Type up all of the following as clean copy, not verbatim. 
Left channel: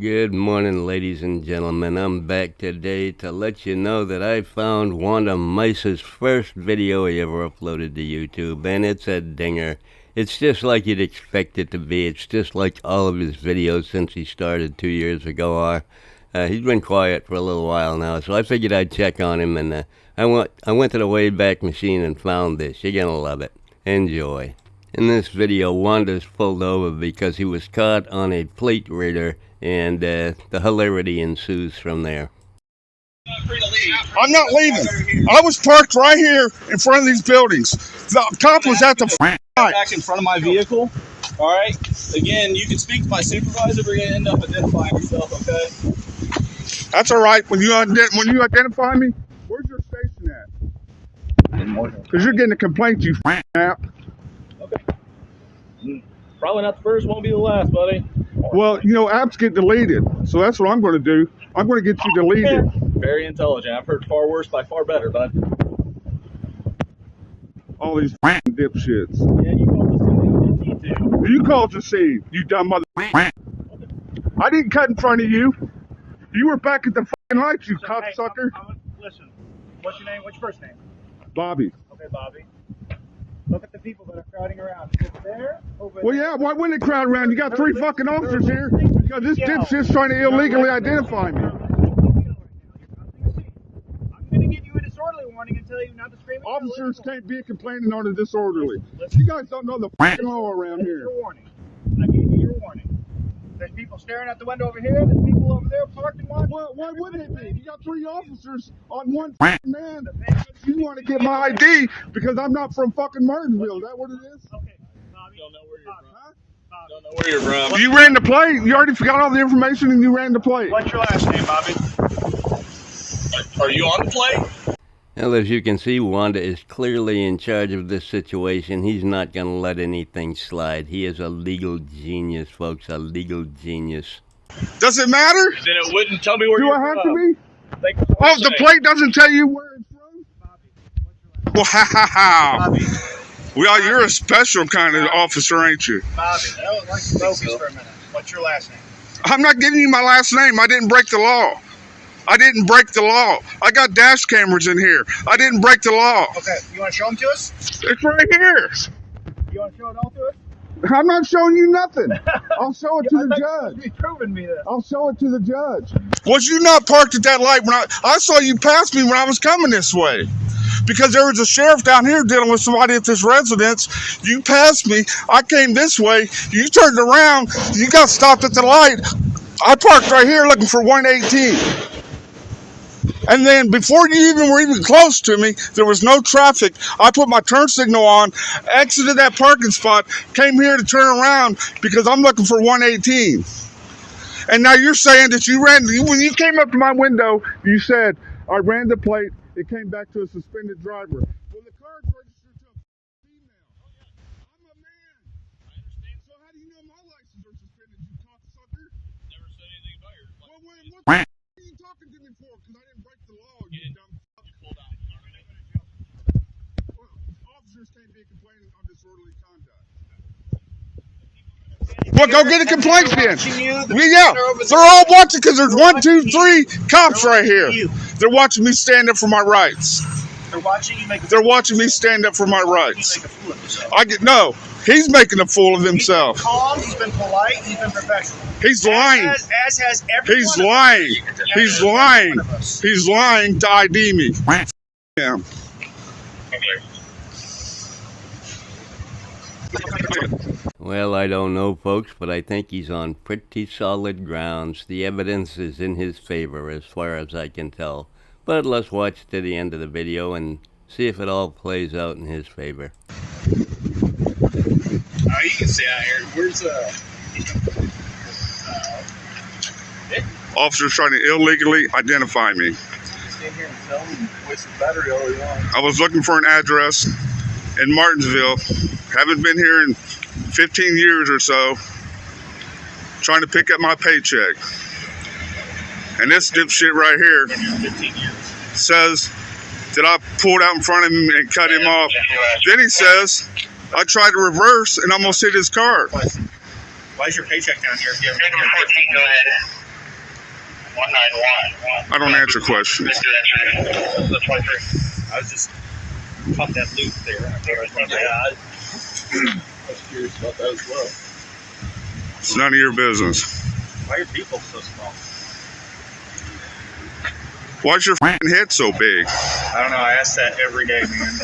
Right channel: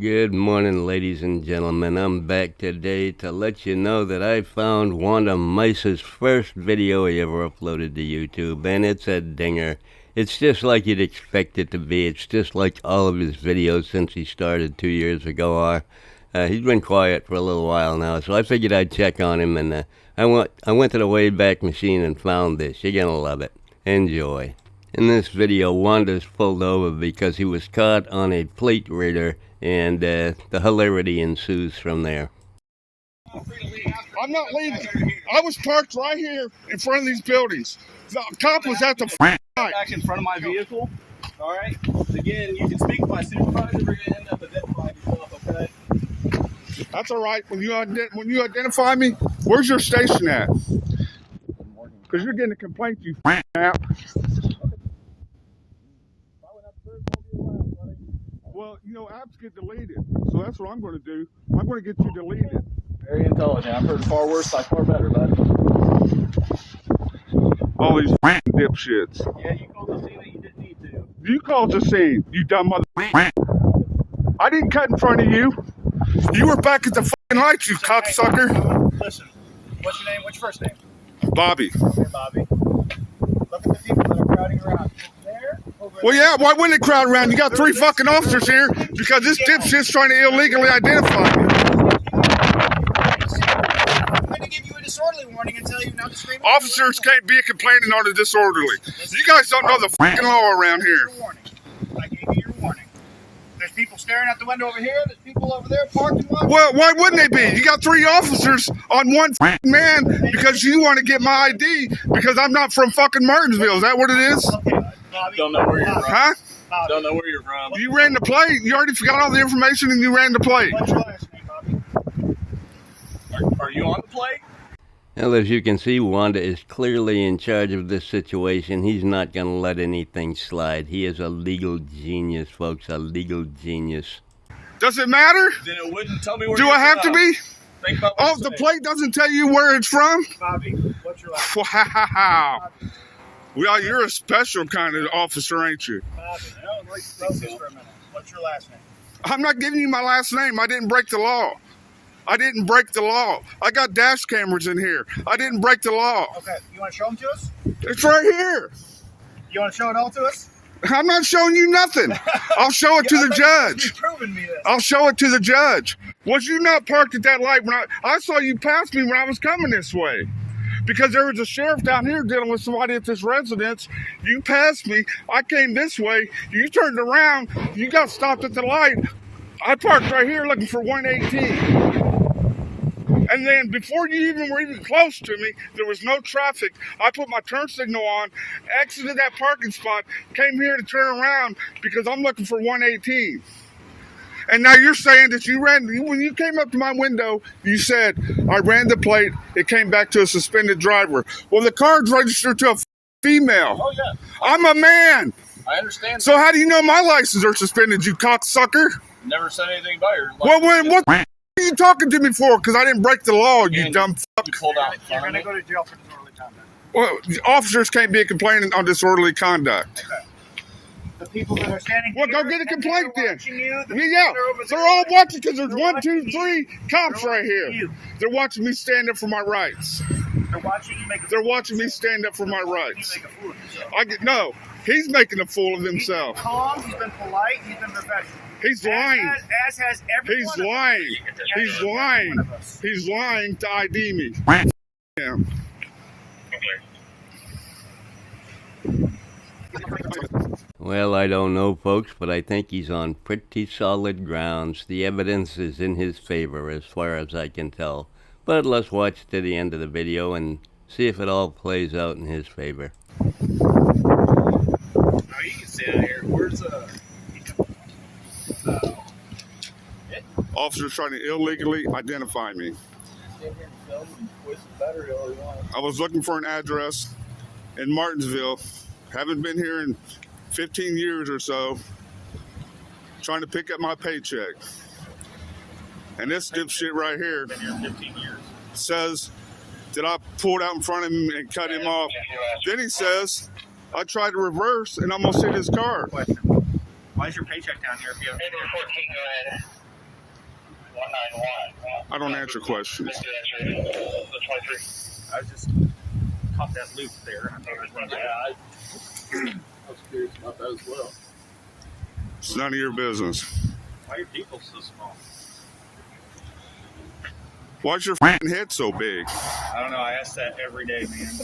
Good morning, ladies and gentlemen. I'm back today to let you know that I found Wanda Mise's first video he ever uploaded to YouTube, and it's a dinger. It's just like you'd expect it to be. It's just like all of his videos since he started 2 years ago are. He's been quiet for a little while now, so I figured I'd check on him, and I went to the Wayback Machine and found this. You're gonna love it. Enjoy. In this video, Wanda's pulled over because he was caught on a plate reader, and the hilarity ensues from there. I'm not leaving. I was parked right here in front of these buildings. The cop was at the back in front of my vehicle. All right. Again, you can speak to my supervisor. We're gonna end up identifying yourself. Okay. That's all right. When you identify me, where's your station at? Because you're getting a complaint, you app. Okay. Probably not the first. Won't be the last, buddy. Well, you know, apps get deleted, so that's what I'm going to do. I'm going to get you deleted. Very intelligent. I've heard far worse by far better, bud. All these dipshits. Yeah, you called the scene that you didn't need to. You called the scene, you dumb mother. I didn't cut in front of you. You were back at the lights, you cocksucker. Listen, what's your name? What's your first name? Bobby. Okay, Bobby. Look at the people that are crowding around. Over there, Well, yeah, why wouldn't they crowd around? You got 3 fucking officers here because this dipshit's trying to illegally identify me. I'm going to give you a disorderly warning and tell you not to scream. Officers can't be complaining on a disorderly. You guys don't know the fucking law around here. I gave you your warning. There's people staring out the window over here. There's people over there parked. Well, why wouldn't they be? You got 3 officers on one man because you want to get my ID because I'm not from fucking Martinsville. Is that what it is? Okay, Bobby. Don't know where you're from. Huh? Don't know where you're from. You ran the plate. You already forgot all the information and you ran the plate. What's your last name, Bobby? Are you on the plate? Well, as you can see, Wanda is clearly in charge of this situation. He's not going to let anything slide. He is a legal genius, folks, a legal genius. Does it matter? Then it wouldn't tell me where Do you're I have from. to be? Think about what Oh, you're the saying. plate doesn't tell you where it's from? Bobby, what's your last name? Wow. Bobby. Well, you're a special kind of officer, ain't you? Bobby, I would like to focus for a minute. What's your last name? I'm not giving you my last name. I didn't break the law. I didn't break the law. I got dash cameras in here. I didn't break the law. Okay, you want to show them to us? It's right here. You want to show it all to us? I'm not showing you nothing. I'll show it to the judge. You've proven me this. I'll show it to the judge. Was you not parked at that light when I saw you pass me when I was coming this way? Because there was a sheriff down here dealing with somebody at this residence. You passed me. I came this way. You turned around. You got stopped at the light. I parked right here looking for 118. And then before you were even close to me, there was no traffic. I put my turn signal on, exited that parking spot, came here to turn around because I'm looking for 118. And now you're saying that when you came up to my window, you said, I ran the plate, it came back to a suspended driver. Well, the car's registered to a female. Oh, yeah. I'm a man. I understand. So how do you know my license are suspended, you cocksucker? Never said anything about your Well, license. what are you talking to me for? Because I didn't break the law, you And dumb fuck. You pulled out in You're front going of to me. go to jail for disorderly conduct. Well, the officers can't be complaining on disorderly conduct. The people that are standing Well, go here get a and complaint they're then. watching you, the Well, people yeah, that are over they're there, all watching because there's they're 1, 2, watching 3 you. cops They're right here. watching you. They're watching me stand up for my rights. They're watching you make a They're watching me stand up for my you rights. make a fool of yourself. No, he's making a fool of He's been himself. calm, he's been polite, he's been professional. He's lying. As has every He's one of lying. us. He's Every lying. one of us. He's lying to ID me. Yeah. Well, I don't know, folks, but I think he's on pretty solid grounds. The evidence is in his favor as far as I can tell. But let's watch to the end of the video and see if it all plays out in his favor. Oh, you can stay out here. Where's Officers trying to illegally identify me. Stay here and film and waste the battery all you want. I was looking for an address in Martinsville. Haven't been here in 15 years or so. Trying to pick up my paycheck. And this dipshit right here Been here 15 years. says that I pulled out in front of him and cut him off. Then he says I tried to reverse and almost hit his car. Why is your paycheck down here if you haven't been here? I don't answer questions. I was just caught that loop there. I was curious about that as well. It's none of your business. Why are people so small? Why's your f***ing head so big? I don't know. I ask that every day, man.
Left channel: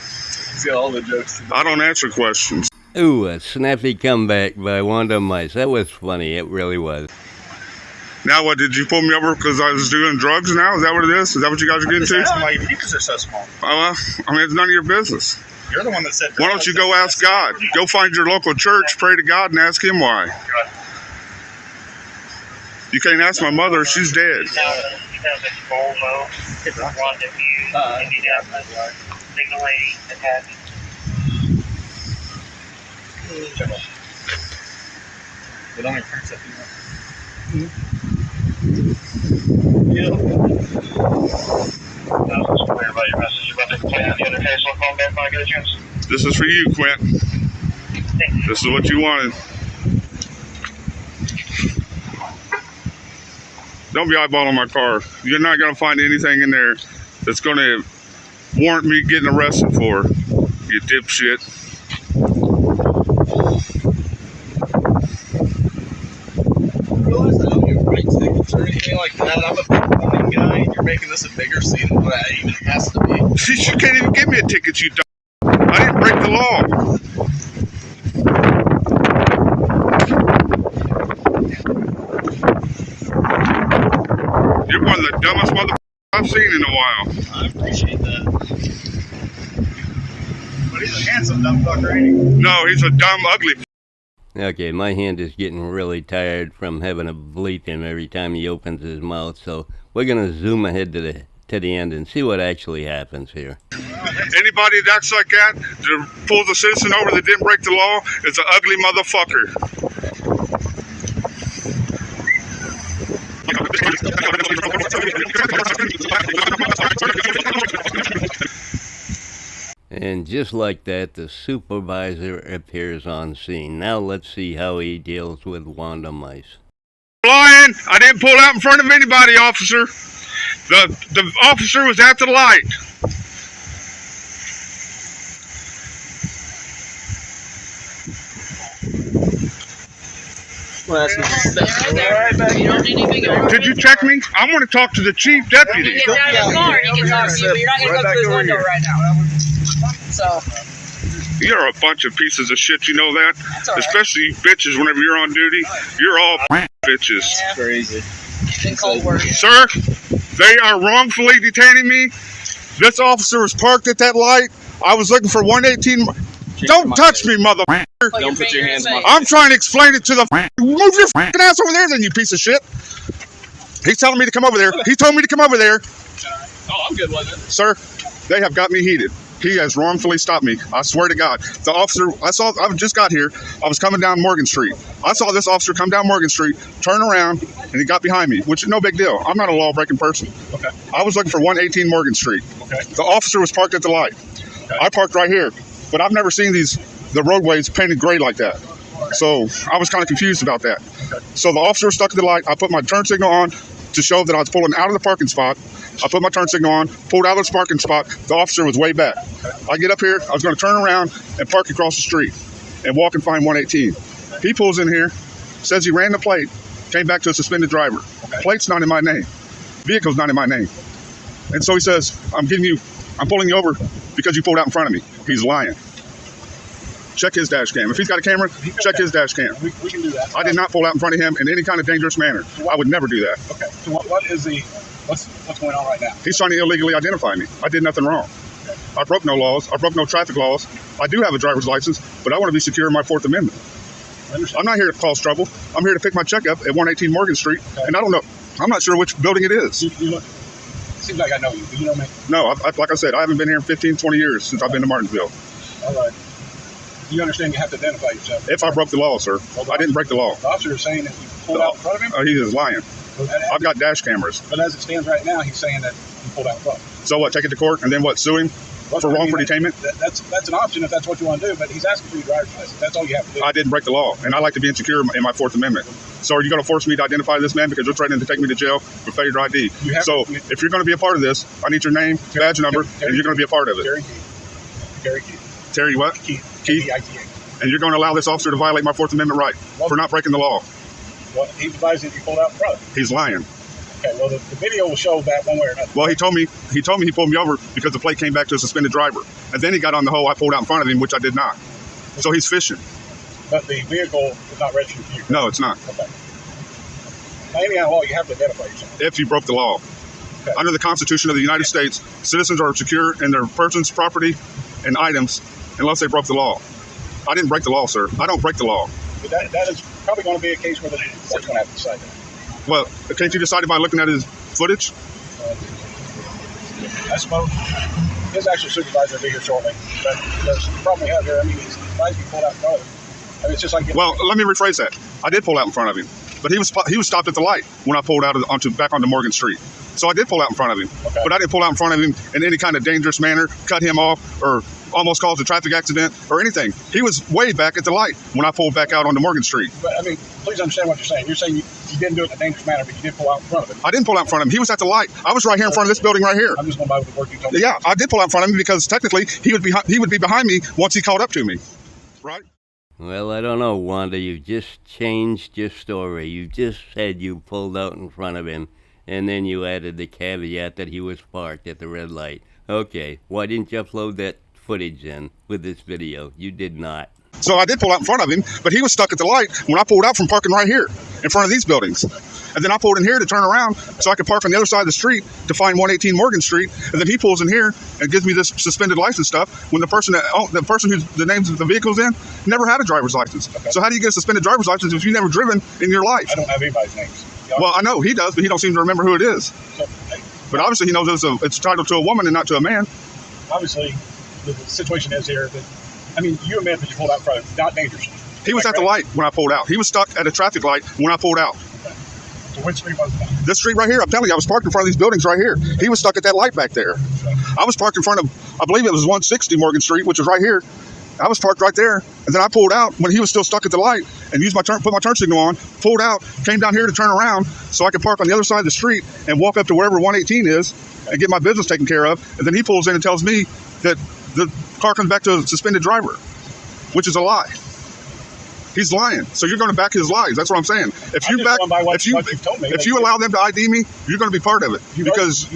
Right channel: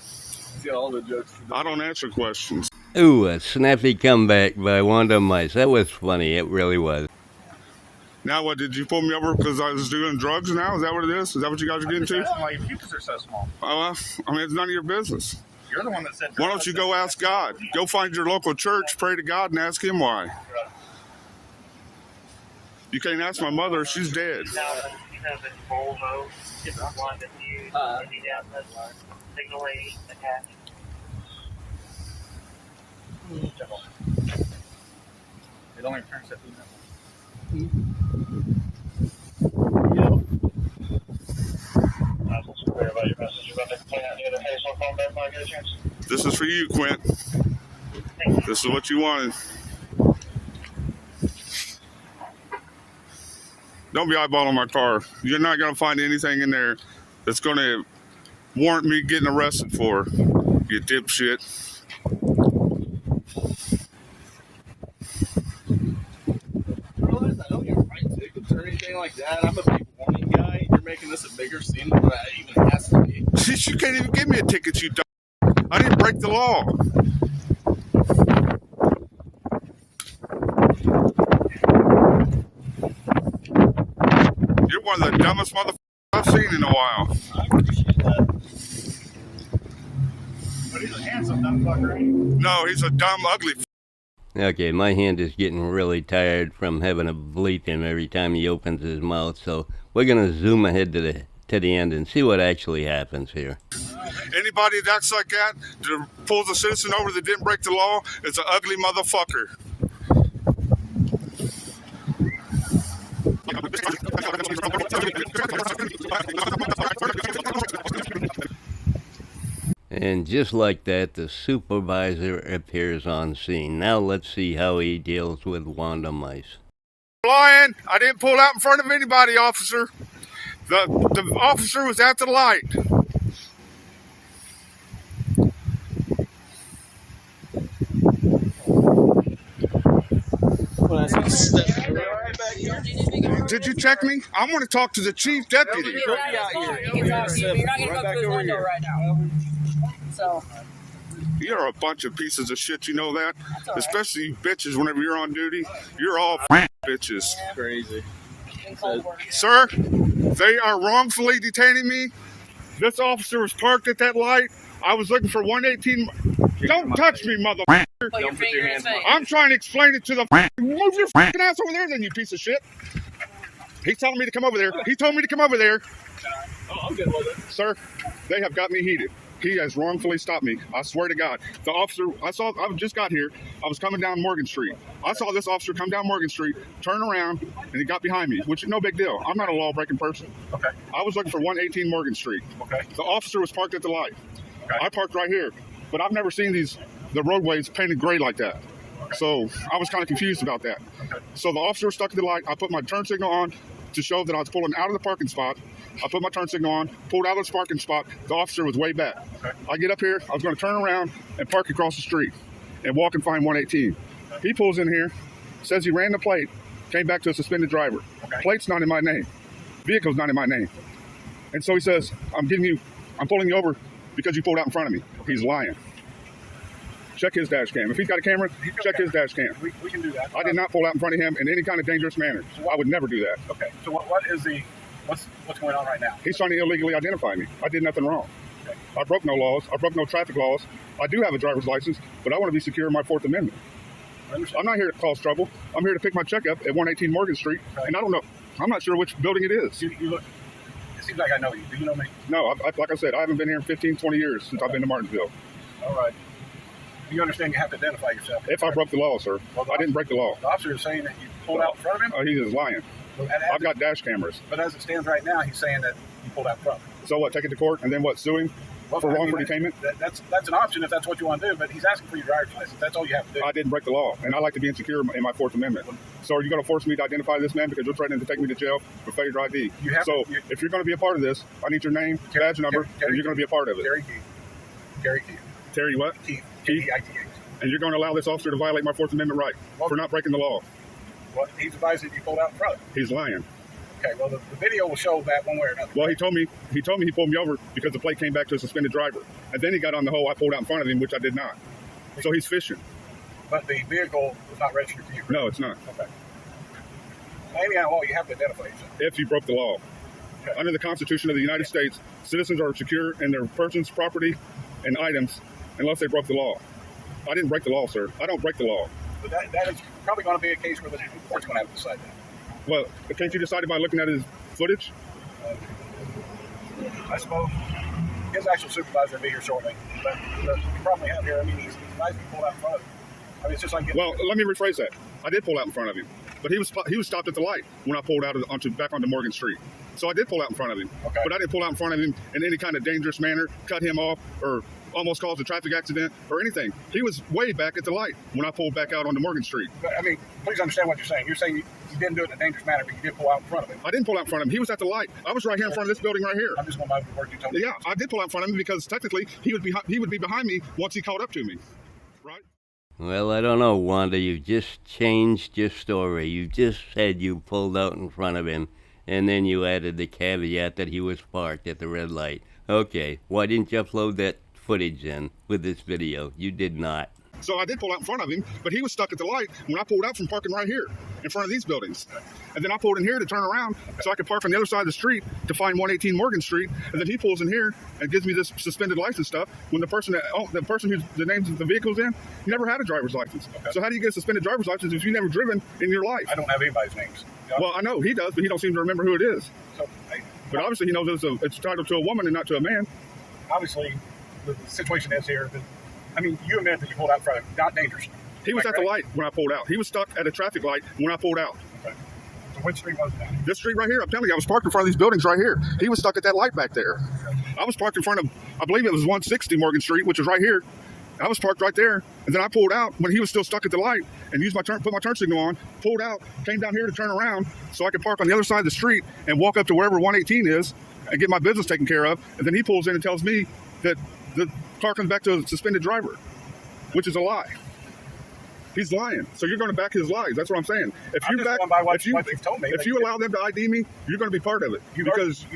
See all the jokes today. I don't answer questions. Ooh, a snappy comeback by Wanda Mise. That was funny. It really was. Now what, did you pull me over because I was doing drugs now? Is that what it is? Is that what you guys are getting Just to? asking why your peepers are so small. I mean, it's none of your business. You're the one that said. Why don't you go ask God? Go find your local church, pray to God, and ask Him why. You can't ask my mother, she's dead. It only prints if you want. This is for you, Quint. This is what you wanted. Don't be eyeballing my car. You're not going to find anything in there that's going to warrant me getting arrested for, you dipshit. Realize I don't get right tickets or anything like that. I'm a big morning guy, and you're making this a bigger scene than what it even has to be. You can't even give me a ticket, you dumb. I didn't break the law. You're one of the dumbest motherfuckers I've seen in a while. I appreciate that. But he's a handsome dumb fucker, ain't he? No, he's a dumb, ugly. Okay, my hand is getting really tired from having to bleep him every time he opens his mouth, so we're going to zoom ahead to the end and see what actually happens here. Anybody that's like that pulls a citizen over that didn't break the law is an ugly motherfucker. And just like that, the supervisor appears on scene. Now let's see how he deals with Wanda Mise. Lying! I didn't pull out in front of anybody, officer. The officer was at the light. Did you check me? I want to talk to the chief deputy. He gets out of his car, he can talk to you, but you're not going to go through his window right now. So, You're a bunch of pieces of shit, you know that? that's all right. Especially you bitches whenever you're on duty. You're all bitches. Crazy. Been cold work. Sir, they are wrongfully detaining me. This officer was parked at that light. I was looking for 118. Don't touch me, motherfucker. Don't put your hands in my I'm trying to explain it to the. Move your fucking ass over there, then, you piece of shit. He's telling me to come over there. He told me to come over there. Oh, I'm good with it. Sir, they have got me heated. He has wrongfully stopped me. I swear to God. The officer, I just got here. I was coming down Morgan Street. I saw this officer come down Morgan Street, turn around, and he got behind me, which is no big deal. I'm not a law-breaking person. Okay. I was looking for 118 Morgan Street. Okay. The officer was parked at the light. Okay. I parked right here, but I've never seen the roadways painted gray like that. Okay. So I was kind of confused about that. Okay. So the officer was stuck at the light. I put my turn signal on to show that I was pulling out of the parking spot. I put my turn signal on, pulled out of the parking spot. The officer was way back. Okay. I get up here. I was going to turn around and park across the street and walk and find 118. He pulls in here, says he ran the plate, came back to a suspended driver. Okay. Plate's not in my name. Vehicle's not in my name. And so he says, I'm pulling you over because you pulled out in front of me. He's lying. Check his dash cam. If he's got a camera, check his dash cam. We can do that. I did not pull out in front of him in any kind of dangerous manner. I would never do that. Okay. So what's going on right now? He's trying to illegally identify me. I did nothing wrong. I broke no laws. I broke no traffic laws. I do have a driver's license, but I want to be secure in my Fourth Amendment. I'm not here to cause trouble. I'm here to pick my check up at 118 Morgan Street, and I don't know. I'm not sure which building it is. You look. It seems like I know you. Do you know me? No, like I said, I haven't been here in 15, 20 years since I've been to Martinsville. All right. You understand you have to identify yourself. If I broke the law, sir. I didn't break the law. The officer is saying that you pulled out in front of him? He is lying. I've got dash cameras. But as it stands right now, he's saying that you pulled out in front. So what, take it to court and then what, sue him? Well, for I mean, wrongful detainment. That's an option if that's what you want to do, but he's asking for your driver's license. That's all you have to do. I didn't break the law, and I like to be insecure in my Fourth Amendment. So are you going to force me to identify this man because you're threatening to take me to jail for failure to ID? If you're going to be a part of this, I need your name, badge number, and you're going to be a part of it. Terry Keith. Terry Keith. Terry what? Keith. Keith. K-E-I-T-H. And you're going to allow this officer to violate my Fourth Amendment right for not breaking the law. Well, he's advising you pulled out in front of him. He's lying. Okay, well, the video will show that one way or another. Well, he told me he pulled me over because the plate came back to a suspended driver. And then he got on the hoe I pulled out in front of him, which I did not. So he's fishing. But the vehicle is not registered to you. No, it's not. Okay. Now, anyhow, law, you have to identify yourself. If you broke the law. Okay. Under the Constitution of the United States, citizens are secure in their persons, property, and items unless they broke the law. I didn't break the law, sir. I don't break the law. But that is probably going to be a case where the court's going to have to decide that. Well, can't you decide it by looking at his footage? I suppose his actual supervisor will be here shortly. But the problem we have here, I mean, he's advised you pulled out in front of him. I mean, it's just like... Well, let me rephrase that. I did pull out in front of him. But he was stopped at the light when I pulled out back onto Morgan Street. So I did pull out in front of him. Okay. But I didn't pull out in front of him in any kind of dangerous manner, cut him off, or almost caused a traffic accident or anything. He was way back at the light when I pulled back out onto Morgan Street. But, I mean, please understand what you're saying. You're saying you didn't do it in a dangerous manner, but you did pull out in front of him. I didn't pull out in front of him. He was at the light. I was right here in front of this building right here. I'm just going by with the work you told me. Yeah, I did pull out in front of him because technically he would be behind me once he caught up to me. Right? Well, I don't know, Wanda. You just changed your story. You just said you pulled out in front of him, and then you added the caveat that he was parked at the red light. Okay, why didn't you upload that footage in with this video? You did not. So I did pull out in front of him, but he was stuck at the light when I pulled out from parking right here in front of these buildings. And then I pulled in here to turn around so I could park on the other side of the street to find 118 Morgan Street. And then he pulls in here and gives me this suspended license stuff when the person who's the names of the vehicle's in never had a driver's license. Okay. So how do you get a suspended driver's license if you've never driven in your life? I don't have anybody's names. Well, I know he does, but he don't seem to remember who it is. So, hey, but obviously he knows it's titled to a woman and not to a man. Obviously, the situation is here that, I mean, you admit that you pulled out front, not dangerous. He was at the light when I pulled out. He was stuck at a traffic light when I pulled out. Okay. So which street was that? This street right here, I'm telling you, I was parked in front of these buildings right here. He was stuck at that light back there. Okay. I was parked in front of, I believe it was 160 Morgan Street, which is right here. I was parked right there, and then I pulled out when he was still stuck at the light and put my turn signal on, pulled out, came down here to turn around so I could park on the other side of the street and walk up to wherever 118 is and get my business taken care of. And then he pulls in and tells me that the car comes back to a suspended driver, which is a lie. He's lying. So you're going to back his lies. That's what I'm saying. If you allow them to ID me, you're going to be part of it. You've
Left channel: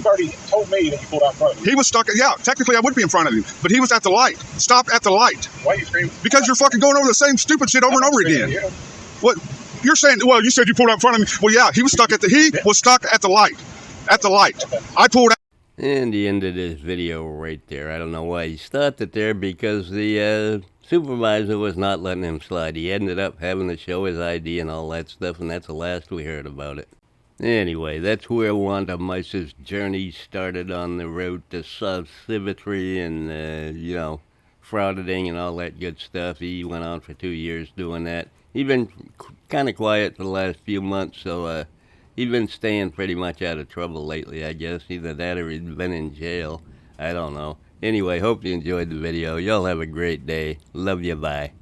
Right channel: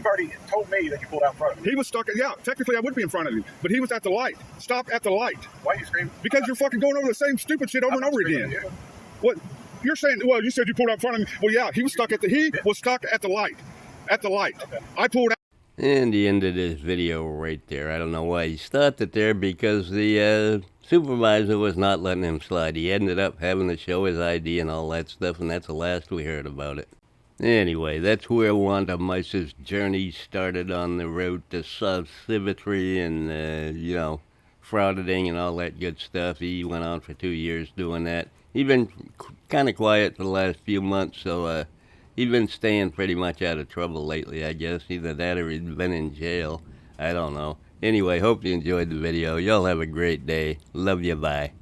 already told me that you pulled out in front of him. He was stuck. Yeah, technically I would be in front of him, but he was at the light. Stop at the light. Why are you screaming? Because you're fucking going over the same stupid shit over and over again. What? You're saying? Well, you said you pulled out in front of me. Well, yeah, he was stuck at the light. At the light. Okay. I pulled out. And the end of this video right there. I don't know why he stopped it there, because the supervisor was not letting him slide. He ended up having to show his ID and all that stuff, and that's the last we heard about it. Anyway, that's where Wanda Mise's journey started on the road to civility and, frauditing and all that good stuff. He went on for 2 years doing that. He's been kind of quiet for the last few months, so he's been staying pretty much out of trouble lately, I guess. Either that or he's been in jail. I don't know. Anyway, hope you enjoyed the video. Y'all have a great day. Love you. Bye.